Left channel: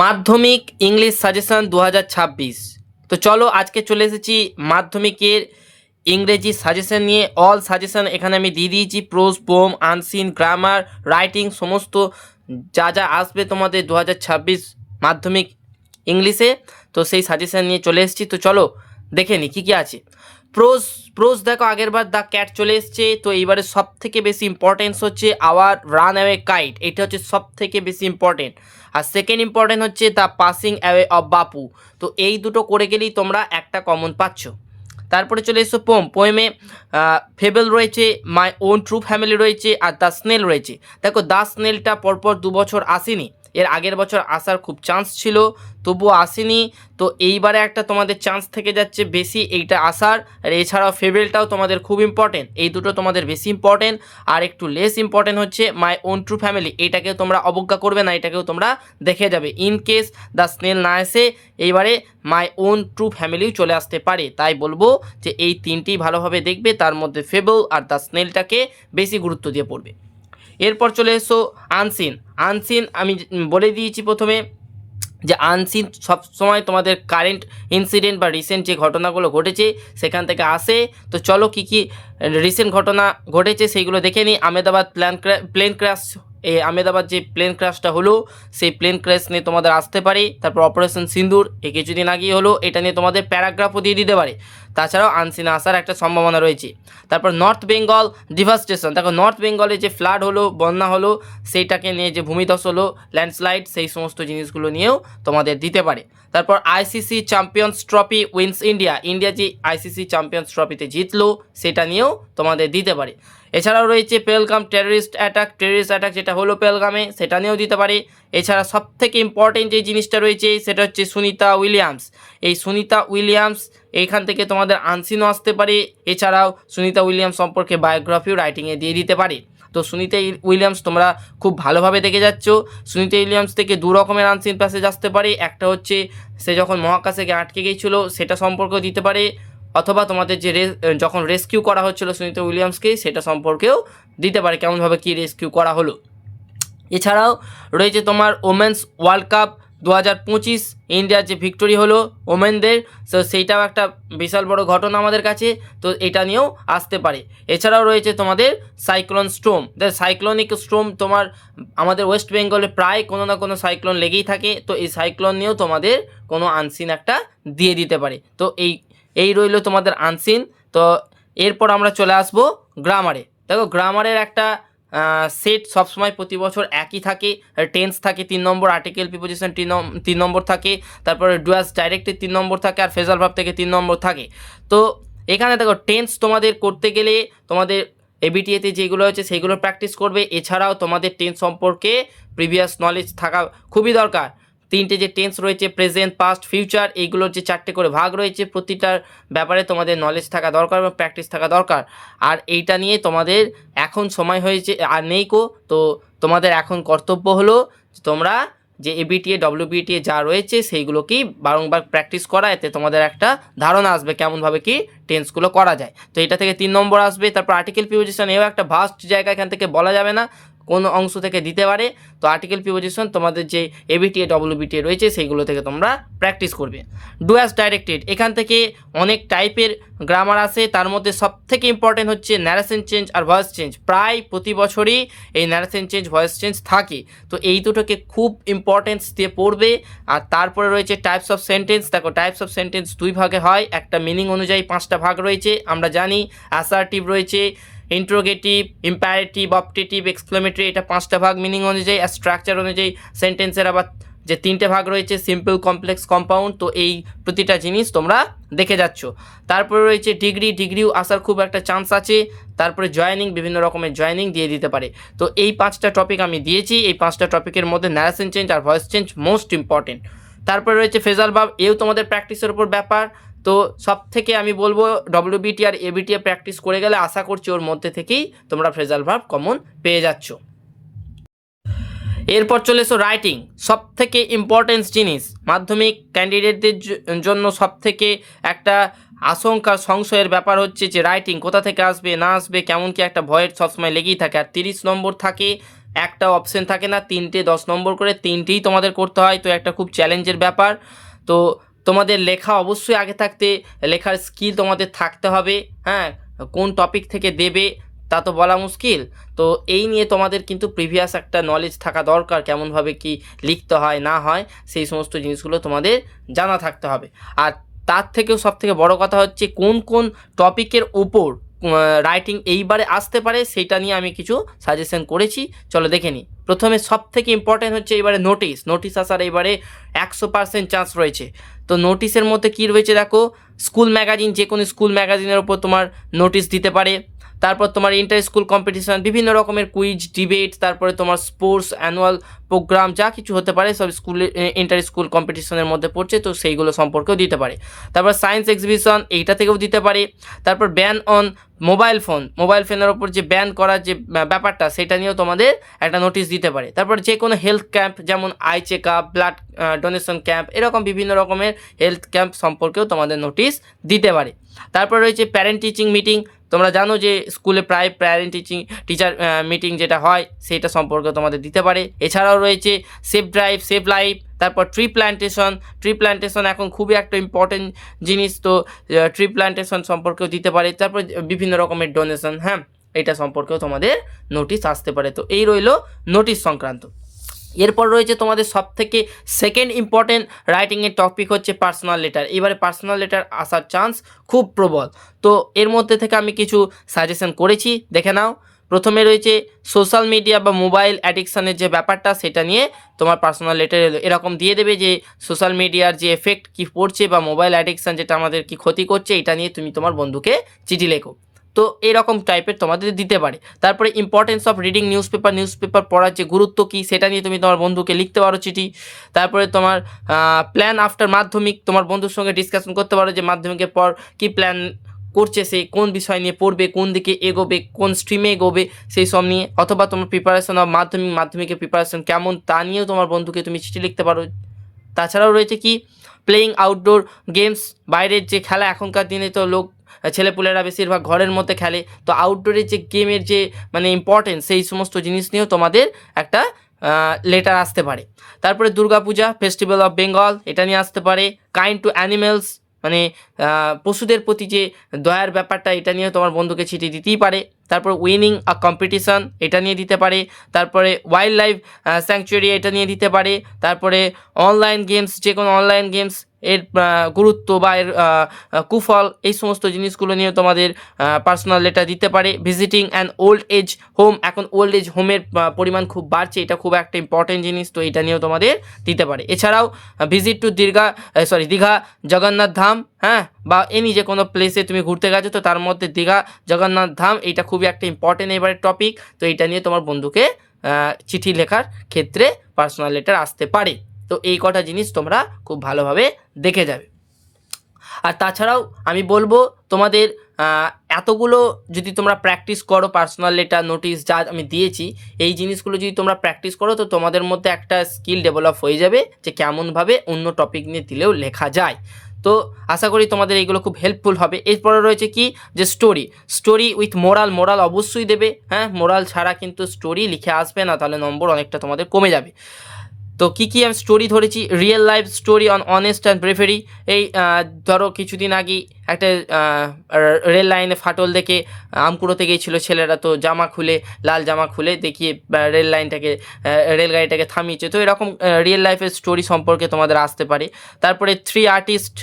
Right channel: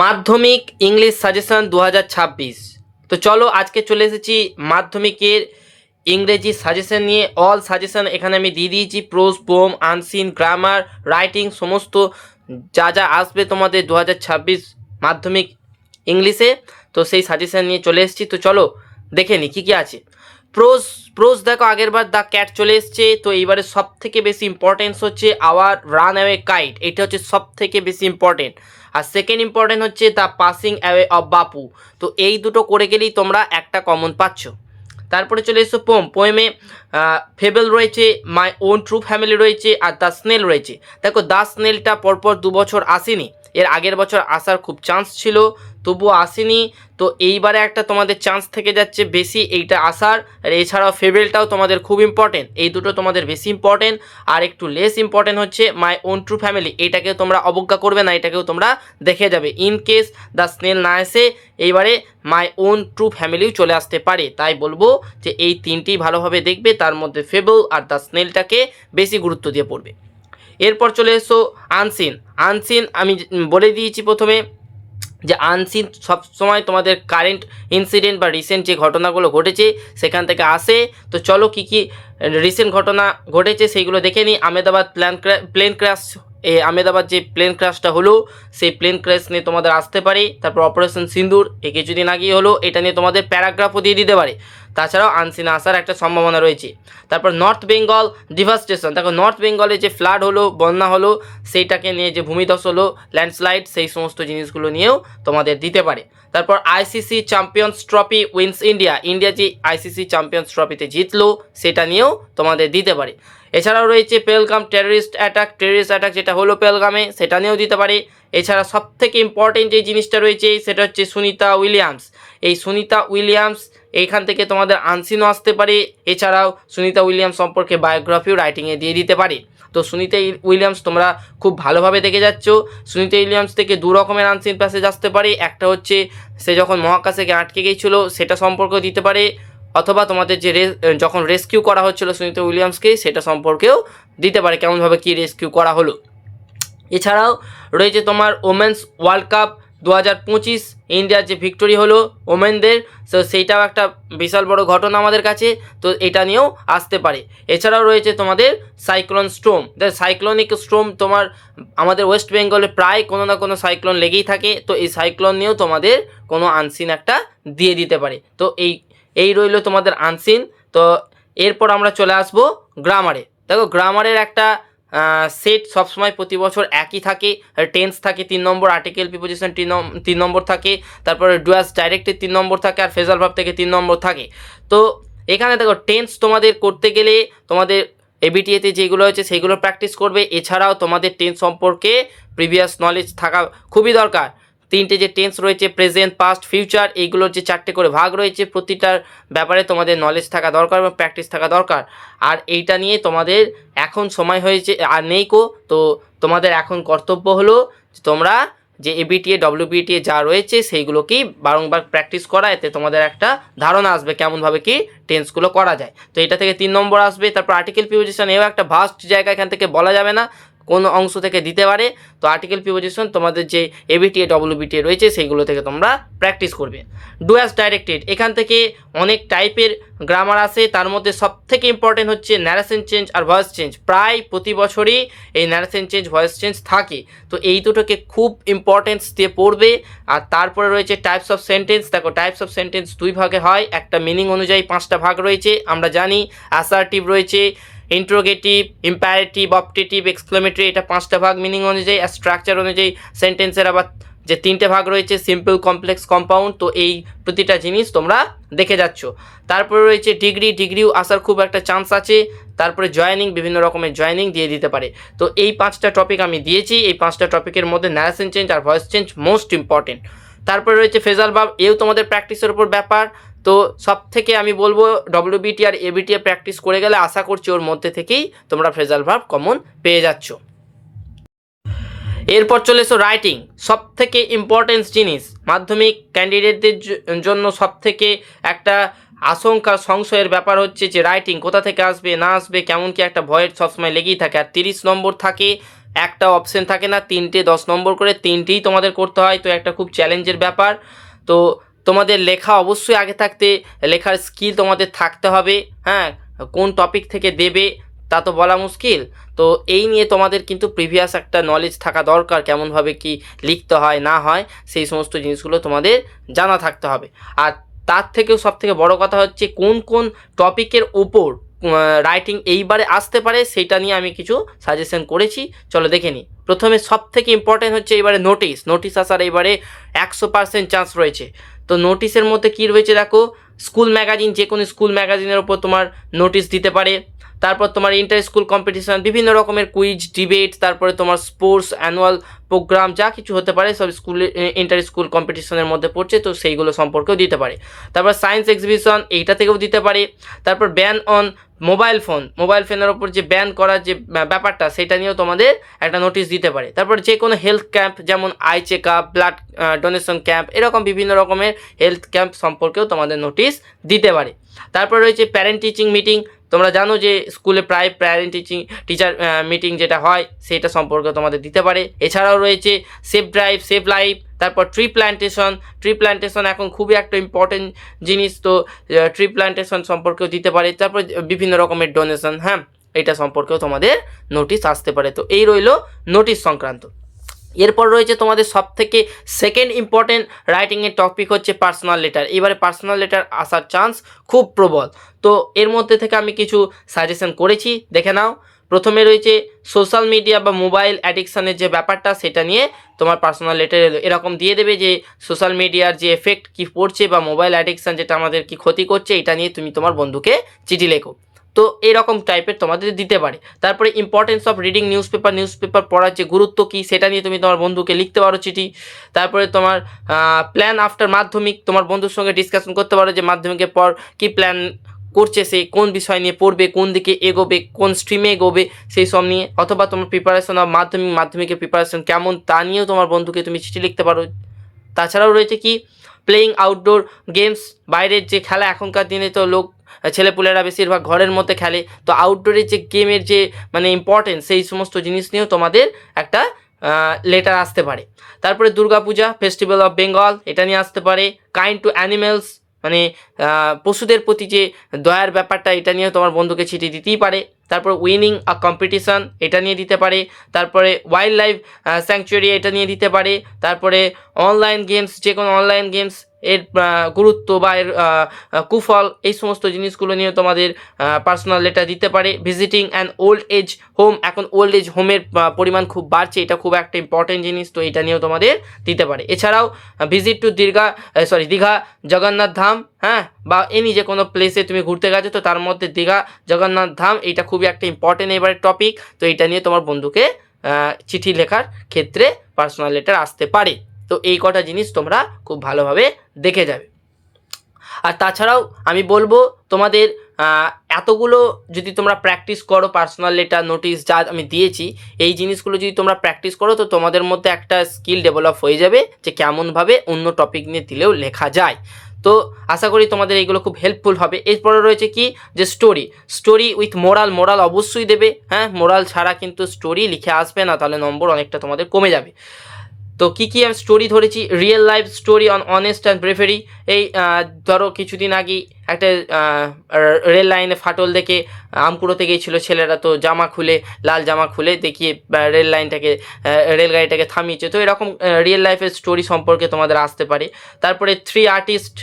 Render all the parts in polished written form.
মাধ্যমিক English suggestion 2026। তো চলো আজকে চলে এসেছি মাধ্যমিকের ইংরেজি সাজেশন নিয়ে। অল সাজেশন এখানে আমি দিয়ে দিয়েছি, pros, poem, unseen, grammar, writing, সমস্ত যা যা আসবে তোমাদের 2026 মাধ্যমিক ইংলিশে। তো সেই সাজেশন নিয়ে চলে এসেছি। তো চলো দেখে নিই কী কী আছে। প্রোজ প্রোজ দেখো, আগের বার দ্য ক্যাট চলে এসছে। তো এইবারে সব থেকে বেশি ইম্পর্টেন্স হচ্ছে আওয়ার রান অ্যাওয়ে কাইট, এটা হচ্ছে সব থেকে বেশি ইম্পর্টেন্ট। আর সেকেন্ড ইম্পর্টেন্ট হচ্ছে দ্য পাসিং অ্যাওয়ে অফ বাপু। তো এই দুটো করে গেলেই তোমরা একটা কমন পাচ্ছ। তারপরে চলে এসো পোয়েমে ফেবেল রয়েছে, মাই ওন ট্রু ফ্যামিলি রয়েছে, আর দ্য স্নেল রয়েছে। দেখো দ্য স্নেলটা পরপর 2 বছর আসেনি, এর আগের বছর আসার খুব চান্স ছিল, তবুও আসেনি। তো এইবারে একটা তোমাদের চান্স থেকে যাচ্ছে বেশি এইটা আসার। আর এছাড়াও ফেবেলটাও তোমাদের খুব ইম্পর্টেন্ট, এই দুটো তোমাদের বেশি ইম্পর্টেন্ট। আর একটু লেস ইম্পর্টেন্ট হচ্ছে মাই ওন ট্রু ফ্যামিলি, এইটাকে তোমরা অবজ্ঞা করবে না, এটাকেও তোমরা দেখে যাবে। ইন কেস দ্য স্নেল না এসে এইবারে মাই ওন ট্রু ফ্যামিলিও চলে আসতে পারে। তাই বলবো যে এই তিনটি ভালোভাবে দেখবে, তার মধ্যে ফেবল আর দ্য স্নেলটাকে বেশি গুরুত্ব দিয়ে পড়বে। এরপর চলে এসো আনসিন। আনসিন আমি বলে দিয়েছি প্রথমে যে আনসিন সবসময় তোমাদের কারেন্ট ইনসিডেন্ট বা রিসেন্ট যে ঘটনাগুলো ঘটেছে সেখান থেকে আসে। তো চলো কী কী রিসেন্ট ঘটনা ঘটেছে সেইগুলো দেখে নিই। আহমেদাবাদ প্লেন ক্র্যাশ, আহমেদাবাদ যে প্লেন ক্র্যাশটা হলো সেই প্লেন ক্র্যাশ নিয়ে তোমাদের আসতে পারে। তারপর অপারেশন সিন্দুর এই কিছুদিন আগেই হলো, এটা নিয়ে তোমাদের প্যারাগ্রাফও দিয়ে দিতে পারে। তাছাড়াও আনসিন আসার একটা সম্ভাবনা রয়েছে। তারপর নর্থ বেঙ্গল ডিভাস্টেশন, দেখো নর্থ বেঙ্গলে যে ফ্লাড হলো, বন্যা হলো, সেইটাকে নিয়ে যে ভূমিধস হলো, ল্যান্ডস্লাইড, সেই সমস্ত জিনিসগুলো নিয়েও তোমাদের দিতে পারে। তারপর ICC champions trophy wins India, India যে আইসিসি চ্যাম্পিয়ন্স ট্রফিতে জিতলো সেটা নিয়েও তোমাদের দিতে পারে। এছাড়াও রয়েছে পেহেলগাম টেররিস্ট অ্যাটাক যেটা হলো পেহেলগামে, সেটা নিয়েও দিতে পারে। এছাড়া সবথেকে ইম্পর্টেন্ট যে জিনিসটা রয়েছে সেটা হচ্ছে সুনিতা উইলিয়ামস। এই সুনিতা উইলিয়ামস এইখান থেকে তোমাদের আনসিনও আসতে পারে। এছাড়াও সুনিতা উইলিয়ামস সম্পর্কে বায়োগ্রাফিও রাইটিংয়ে দিয়ে দিতে পারে। তো সুনিতা উইলিয়ামস তোমরা খুব ভালোভাবে দেখে যাচ্ছ। সুনিতা উইলিয়ামস থেকে দু রকমের আনসিন প্যাসেজ আসতে পারে, একটা হচ্ছে সে যখন মহাকাশে আটকে গিয়েছিল সেটা সম্পর্কেও দিতে পারে, অথবা তোমাদের যে যখন রেস্কিউ করা হচ্ছিল সুনিতা উইলিয়ামসকে সেটা সম্পর্কেও দিতে পারে, কেমনভাবে কী রেস্কিউ করা হলো। এছাড়াও রয়েছে তোমার ওমেন্স ওয়ার্ল্ড কাপ 2025, ইন্ডিয়ার যে ভিক্টোরি হলো ওমেনদের, তো সেইটাও একটা বিশাল বড় ঘটনা আমাদের কাছে, তো এটা নিয়েও আসতে পারে। এছাড়াও রয়েছে তোমাদের সাইক্লোন স্ট্রোম, সাইক্লোনিক স্ট্রোম তোমার আমাদের ওয়েস্ট বেঙ্গলে প্রায় কোনো না কোনো সাইক্লোন লেগেই থাকে, তো এই সাইক্লোন নিয়েও তোমাদের কোনো আনসিন একটা দিয়ে দিতে পারে। তো এই রইল তোমাদের আনসিন। তো এরপর আমরা চলে আসবো গ্রামারে। দেখো গ্রামারের একটা সেট সবসময় প্রতি বছর একই থাকে। টেন্স থাকে 3 নম্বর, আর্টিকেল প্রিপোজিশন 3 নম্বর থাকে, তারপরে ডুয়াস ডাইরেক্টের 3 নম্বর থাকে, আর ফ্রেজাল ভার্ব থেকে 3 নম্বর থাকে। তো এখানে দেখো টেন্স তোমাদের করতে গেলে তোমাদের এবিটিএতে যেগুলো হচ্ছে সেইগুলো প্র্যাকটিস করবে। এছাড়াও তোমাদের টেন্স সম্পর্কে প্রিভিয়াস নলেজ থাকা খুবই দরকার। 3টে যে টেন্স রয়েছে প্রেজেন্ট, পাস্ট, ফিউচার, এইগুলোর যে 4টে করে ভাগ রয়েছে, প্রতিটার ব্যাপারে তোমাদের নলেজ থাকা দরকার এবং প্র্যাকটিস থাকা দরকার। আর এইটা নিয়ে তোমাদের এখন সময় হয়েছে আর নেই কো, তো তোমাদের এখন কর্তব্য হলো তোমরা যে এবিটিএ ডব্লিউবিটিএ যা রয়েছে সেইগুলোকেই বারংবার প্র্যাকটিস করা, এতে তোমাদের একটা ধারণা আসবে কেমনভাবে কি টেন্সগুলো করা যায়। তো এটা থেকে 3 নম্বর আসবে। তারপর আর্টিকেল প্রিপোজিশন, এও একটা ভাস্ট জায়গা, এখান থেকে বলা যাবে না, কোন অংশ থেকে দিতে পারে। তো আর্টিকেল প্রিপোজিশন তোমাদের যে এবিটিএ ডব্লিউবিটিএ রয়েছে সেইগুলো থেকে তোমরা প্র্যাকটিস করবে। ডু অ্যাজ ডাইরেক্টেড, এখান থেকে অনেক টাইপের গ্রামার আসে, তার মধ্যে সব থেকে ইম্পর্টেন্ট হচ্ছে ন্যারেশন চেঞ্জ আর ভয়েস চেঞ্জ। প্রায় প্রতি বছরই এই ন্যারেশন চেঞ্জ ভয়েস চেঞ্জ থাকে, তো এই দুটোকে খুব ইম্পর্টেন্স দিয়ে পড়বে। আর তারপরে রয়েছে টাইপস অফ সেন্টেন্স। দেখো টাইপস অফ সেন্টেন্স 2 ভাগে হয়, একটা মিনিং অনুযায়ী 5টা ভাগ রয়েছে আমরা জানি। অ্যাসার্টিভ রয়েছে, ইন্ট্রোগেটিভ, ইম্পারেটিভ, অপটেটিভ, এক্সক্লেমেটরি, এটা 5টা ভাগ মিনিং অনুযায়ী। আর স্ট্রাকচার অনুযায়ী সেন্টেন্সের আবার যে 3টে ভাগ রয়েছে, সিম্পল, কমপ্লেক্স, কম্পাউন্ড। তো এই প্রতিটা জিনিস তোমরা দেখে যাচ্ছ। তারপরে রয়েছে ডিগ্রিও আসার খুব একটা চান্স আছে। তারপরে জয়েনিং, বিভিন্ন রকমের জয়েনিং দিয়ে দিতে পারে। তো এই 5টা টপিক আমি দিয়েছি, এই 5টা টপিকের মধ্যে ন্যারেশন চেঞ্জ আর ভয়েস চেঞ্জ মোস্ট ইম্পর্টেন্ট। তারপরে রয়েছে ফ্রেজাল ভার্ব, এও তোমাদের প্র্যাকটিসের উপর ব্যাপার। তো সব থেকে আমি বলবো ডব্লিউবিটি আর এবিটিএ প্র্যাকটিস করে গেলে আশা করছি ওর মধ্যে থেকেই তোমরা ফ্রেজাল ভার্ব কমন পেয়ে যাচ্ছ। এরপর চলে এসো রাইটিং, সব থেকে ইম্পর্টেন্স জিনিস মাধ্যমিক ক্যান্ডিডেটদের জন্য। সব থেকে একটা আশঙ্কা সংশয়ের ব্যাপার হচ্ছে যে রাইটিং কোথা থেকে আসবে না আসবে, কেমন কি একটা ভয়ের সবসময় লেগেই থাকে। আর 30 নম্বর থাকে একটা অপশন থাকে না, 3টে 10 নম্বর করে, 3টেই তোমাদের করতে হয়। তো একটা খুব চ্যালেঞ্জের ব্যাপার। তো তোমাদের লেখা অবশ্যই আগে থাকতে, লেখার স্কিল তোমাদের থাকতে হবে। হ্যাঁ, কোন টপিক থেকে দেবে তা তো বলা মুশকিল। তো এই নিয়ে তোমাদের কিন্তু প্রিভিয়াস একটা নলেজ থাকা দরকার, কেমনভাবে কি লিখতে হয় না হয় সেই সমস্ত জিনিসগুলো তোমাদের জানা থাকতে হবে। আর তার থেকেও সবথেকে বড় কথা হচ্ছে কোন কোন টপিকের ওপর রাইটিং এইবারে আসতে পারে সেইটা নিয়ে আমি কিছু সাজেশন করেছি, চলো দেখে নিই। প্রথমে সবথেকে ইম্পর্টেন্ট হচ্ছে এবারে নোটিশ আসার এবারে 100% চান্স রয়েছে। তো নোটিশের মধ্যে কী রয়েছে দেখো, স্কুল ম্যাগাজিন, যে কোনো স্কুল ম্যাগাজিনের ওপর তোমার নোটিশ দিতে পারে। তারপর তোমার ইন্টার স্কুল কম্পিটিশান, বিভিন্ন রকমের কুইজ, ডিবেট, তারপরে তোমার স্পোর্টস, অ্যানুয়াল প্রোগ্রাম, যা কিছু হতে পারে সব স্কুলে ইন্টার স্কুল কম্পিটিশনের মধ্যে পড়ছে, তো সেইগুলো সম্পর্কেও দিতে পারে। তারপর সায়েন্স এক্সিবিশন, এইটা থেকেও দিতে পারে। তারপর ব্যান অন মোবাইল ফোনের ওপর যে ব্যান করার যে ব্যাপারটা, সেটা নিয়েও তোমাদের একটা নোটিশ দিতে পারে। তারপর যে কোনো হেলথ ক্যাম্প, যেমন eye check up, blood donation camp, এরকম বিভিন্ন রকমের হেলথ ক্যাম্প সম্পর্কেও তোমাদের নোটিশ দিতে পারে। তারপর রয়েছে প্যারেন্ট টিচিং মিটিং, তোমরা জানো যে স্কুলে প্রায় প্যারেন্ট টিচার মিটিং যেটা হয় সেটা সম্পর্কে তোমাদের দিতে পারে। এছাড়াও রয়েছে সেফ ড্রাইভ, সেভ লাইফ, তারপর ট্রি প্ল্যান্টেশন এখন খুবই একটা ইম্পর্টেন্ট জিনিস, তো ট্রি প্ল্যান্টেশন সম্পর্কেও দিতে পারে। তারপর বিভিন্ন রকমের ডোনেশন, হ্যাঁ, এটা সম্পর্কেও তোমাদের নোটিশ আসতে পারে। তো এই রইলো নোটিশ সংক্রান্ত। এরপর রয়েছে তোমাদের সবথেকে সেকেন্ড ইম্পর্টেন্ট রাইটিংয়ের টপিক হচ্ছে পার্সোনাল লেটার। এবারে পার্সোনাল লেটার আসার চান্স খুব প্রবল। তো এর মধ্যে থেকে আমি কিছু সাজেশন করেছি, দেখে নাও। প্রথমে রয়েছে সোশ্যাল মিডিয়া বা মোবাইল অ্যাডিকশানের যে ব্যাপারটা, সেটা নিয়ে তোমার পার্সোনাল লেটার এরকম দিয়ে দেবে যে সোশ্যাল মিডিয়ার যে এফেক্ট কী পড়ছে বা মোবাইল অ্যাডিকশান যেটা আমাদের কি ক্ষতি করছে, এটা নিয়ে তুমি তোমার বন্ধুকে চিঠি লেখো। তো এরকম টাইপের তোমাদের দিতে পারে। তারপরে ইম্পর্টেন্স অফ রিডিং নিউজপেপার পড়ার যে গুরুত্ব কী, সেটা নিয়ে তুমি তোমার বন্ধুকে লিখতে পারো চিঠি। তারপরে তোমার প্ল্যান আফটার মাধ্যমিক, তোমার বন্ধুর সঙ্গে ডিসকাশন করতে পারো যে মাধ্যমিকের পর কী প্ল্যান করছে, সে কোন বিষয় নিয়ে পড়বে, কোন দিকে এগোবে, কোন স্ট্রিমে এগোবে, সেই সব নিয়ে। অথবা তোমার প্রিপারেশন অফ মাধ্যমিকের প্রিপারেশন কেমন, তা নিয়েও তোমার বন্ধুকে তুমি চিঠি লিখতে পারো। তাছাড়াও রয়েছে কি প্লেয়িং আউটডোর গেমস, বাইরের যে খেলা, এখনকার দিনে তো ছেলেপুলেরা বেশিরভাগ ঘরের মধ্যে খেলে, তো আউটডোরের যে গেমের যে মানে ইম্পর্টেন্স, সেই সমস্ত জিনিস নিয়েও তোমাদের একটা লেটার আসতে পারে। তারপরে দুর্গাপূজা, ফেস্টিভ্যাল অফ বেঙ্গল, এটা নিয়ে আসতে পারে। কাইন্ড টু অ্যানিমেলস, মানে পশুদের প্রতি যে দয়ার ব্যাপারটা, এটা নিয়েও তোমার বন্ধুকে চিঠি দিতেই পারে। তারপর উইনিং আ কম্পিটিশান, এটা নিয়ে দিতে পারে। তারপরে ওয়াইল্ড লাইফ স্যাংচুয়ারি, এটা নিয়ে দিতে পারে। তারপরে অনলাইন গেমস, যে কোনো অনলাইন গেমস এর গুরুত্ব বা এর কুফল, এই সমস্ত জিনিসগুলো নিয়ে তোমাদের পার্সোনাল লেটার দিতে পারে। Visiting an old age home, এখন ওল্ড এজ হোমের পরিমাণ খুব বাড়ছে, এটা খুব একটা ইম্পর্টেন্ট জিনিস, তো এটা নিয়েও তোমাদের দিতে পারে। এছাড়াও ভিজিট টু দীঘা জগন্নাথ ধাম, হ্যাঁ, বা এনি যে কোনো প্লেসে তুমি ঘুরতে গেছো, তো তার মধ্যে দীঘা জগন্নাথ ধাম, এইটা খুবই একটা ইম্পর্টেন্ট এবারে টপিক, তো এইটা নিয়ে তোমার বন্ধুকে চিঠি লেখার ক্ষেত্রে পার্সোনাল লেটার আসতে পারে। তো এই কটা জিনিস তোমরা খুব ভালোভাবে দেখে যাবে। আর তাছাড়াও আমি বলবো তোমাদের এতগুলো যদি তোমরা প্র্যাকটিস করো, পার্সোনাল লেটার, নোটিশ যা আমি দিয়েছি, এই জিনিসগুলো যদি তোমরা প্র্যাকটিস করো, তো তোমাদের মধ্যে একটা স্কিল ডেভেলপ হয়ে যাবে যে কেমনভাবে অন্য টপিক নিয়ে দিলেও লেখা যায়। তো আশা করি তোমাদের এইগুলো খুব হেল্পফুল হবে। এরপরে রয়েছে কি যে স্টোরি উইথ মোরাল অবশ্যই দেবে, হ্যাঁ, মোরাল ছাড়া কিন্তু স্টোরি লিখে আসবে না, তাহলে নম্বর অনেকটা তোমাদের কমে যাবে। তো কী কী আমি স্টোরি ধরেছি, real life story on honest and bravery. এই ধরো কিছুদিন আগেই একটা রেল লাইনে ফাটল দেখে আমকুড়োতে গিয়েছিলো ছেলেরা, তো লাল জামা খুলে দেখিয়ে রেলগাড়িটাকে থামিয়েছে। তো এরকম রিয়েল লাইফের স্টোরি সম্পর্কে তোমাদের আসতে পারে। তারপরে 3 artist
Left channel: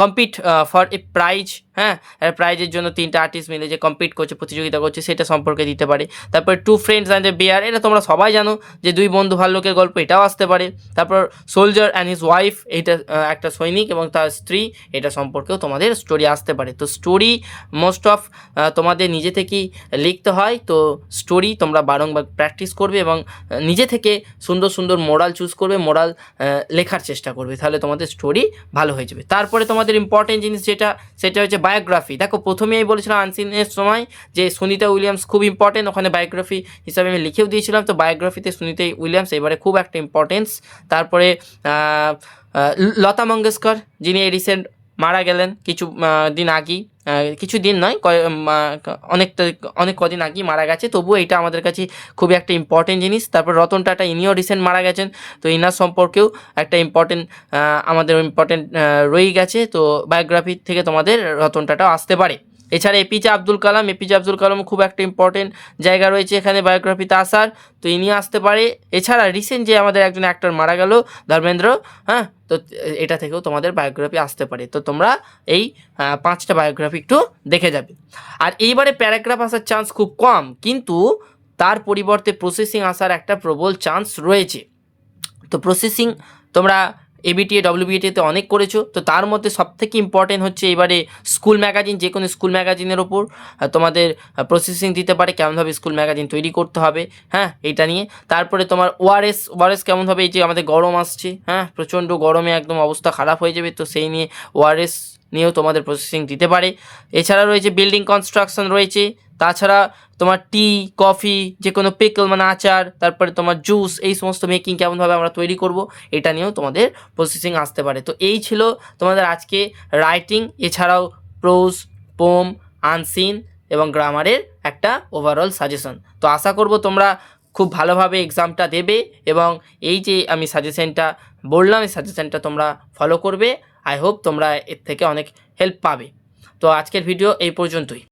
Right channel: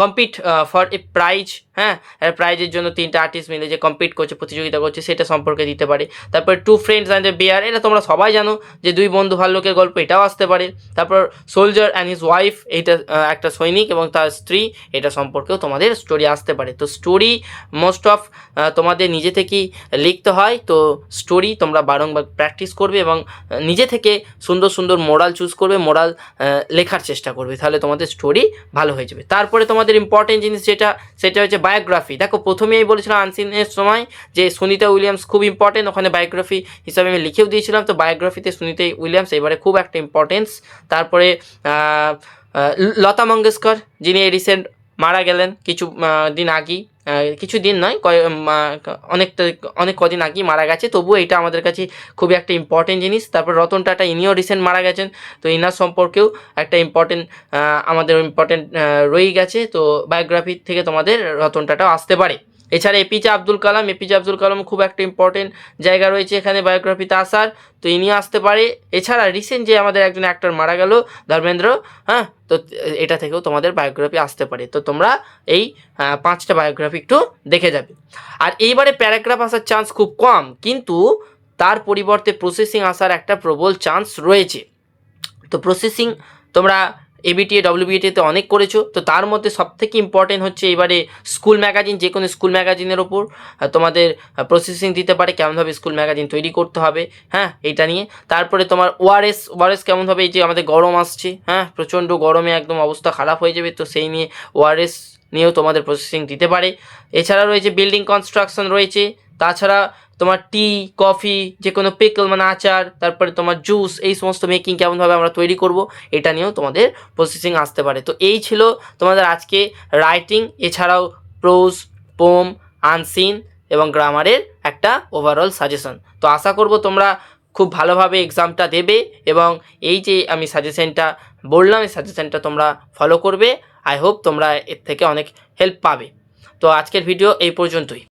compete for a prize, হ্যাঁ, প্রাইজের জন্য 3টা আর্টিস্ট মিলে যে কম্পিট করছে, প্রতিযোগিতা করছে, সেটা সম্পর্কে দিতে পারে। তারপর 2 ফ্রেন্ডস অ্যান্ড এ বেয়ার, এটা তোমরা সবাই জানো যে 2 বন্ধু ভাল্লুকের গল্প, এটাও আসতে পারে। তারপর সোলজার অ্যান্ড হিজ ওয়াইফ, এইটা একটা সৈনিক এবং তার স্ত্রী, এটা সম্পর্কেও তোমাদের স্টোরি আসতে পারে। তো স্টোরি মোস্ট অফ তোমাদের নিজে থেকেই লিখতে হয়, তো স্টোরি তোমরা বারংবার প্র্যাকটিস করবে এবং নিজে থেকে সুন্দর সুন্দর মোরাল চুজ করবে, মোরাল লেখার চেষ্টা করবে, তাহলে তোমাদের স্টোরি ভালো হয়ে যাবে। তারপরে তোমাদের ইম্পর্টেন্ট জিনিস সেটা হচ্ছে বায়োগ্রাফি। দেখো প্রথমেই বলেছিলাম আনসিনের সময় যে সুনিতা উইলিয়ামস খুব ইম্পর্টেন্ট, ওখানে বায়োগ্রাফি হিসাবে আমি লিখেও দিয়েছিলাম, তো বায়োগ্রাফিতে সুনিতা উইলিয়ামস এবারে খুব একটা ইম্পর্টেন্স। তারপরে লতা মঙ্গেশকর, যিনি রিসেন্ট মারা গেলেন কিছু দিন আগেই, কিছু দিন নয়, অনেক কদিন আগেই মারা গেছে, তবুও এটা আমাদের কাছে খুবই একটা ইম্পর্টেন্ট জিনিস। তারপর রতন টাটা, ইনিও রিসেন্ট মারা গেছেন, তো ইনার সম্পর্কেও একটা আমাদের ইম্পর্টেন্ট রয়ে গেছে। তো বায়োগ্রাফি থেকে তোমাদের রতন টাটাও আসতে পারে। এছাড়া এপিজে আব্দুল কালাম খুব একটা ইম্পর্টেন্ট জায়গা রয়েছে এখানে বায়োগ্রাফিতে আসার, তো ইনি আসতে পারে। এছাড়া রিসেন্ট যে আমাদের একজন অ্যাক্টর মারা গেল, ধর্মেন্দ্র, হ্যাঁ, তো এটা থেকেও তোমাদের বায়োগ্রাফি আসতে পারে। তো তোমরা এই 5টা বায়োগ্রাফি একটু দেখে যাবে। আর এইবারে প্যারাগ্রাফ আসার চান্স খুব কম, কিন্তু তার পরিবর্তে প্রসেসিং আসার একটা প্রবল চান্স রয়েছে। তো প্রসেসিং তোমরা এবিটিএ ডব্লিউবিটিএতে অনেক করেছো, তো তার মধ্যে সবথেকে ইম্পর্টেন্ট হচ্ছে এবারে স্কুল ম্যাগাজিন, যে কোনো স্কুল ম্যাগাজিনের ওপর তোমাদের প্রসেসিং দিতে পারে, কেমনভাবে স্কুল ম্যাগাজিন তৈরি করতে হবে, হ্যাঁ, এইটা নিয়ে। তারপরে তোমার ওআরএস কেমনভাবে, এই যে আমাদের গরম আসছে, হ্যাঁ, প্রচণ্ড গরমে একদম অবস্থা খারাপ হয়ে যাবে, তো সেই নিয়ে ওআরএস নিয়েও তোমাদের প্রসেসিং দিতে পারে। এছাড়া রয়েছে বিল্ডিং কনস্ট্রাকশন রয়েছে, তাছাড়া তোমার টি, কফি, যে কোনো পিকল মানে আচার, তারপরে তোমার জুস, এই সমস্ত মেকিং কেমনভাবে আমরা তৈরি করব, এটা নিয়েও তোমাদের প্রসেসিং আসতে পারে। তো এই ছিল তোমাদের আজকে রাইটিং, এছাড়াও প্রোজ, পোম, আনসিন এবং গ্রামারের একটা ওভারঅল সাজেশন। তো আশা করব তোমরা খুব ভালোভাবে এক্সামটা দেবে এবং এই যে আমি সাজেশনটা বললাম, এই সাজেশনটা তোমরা ফলো করবে। আই হোপ তোমরা এর থেকে অনেক হেল্প পাবে। তো আজকের ভিডিও এই পর্যন্তই।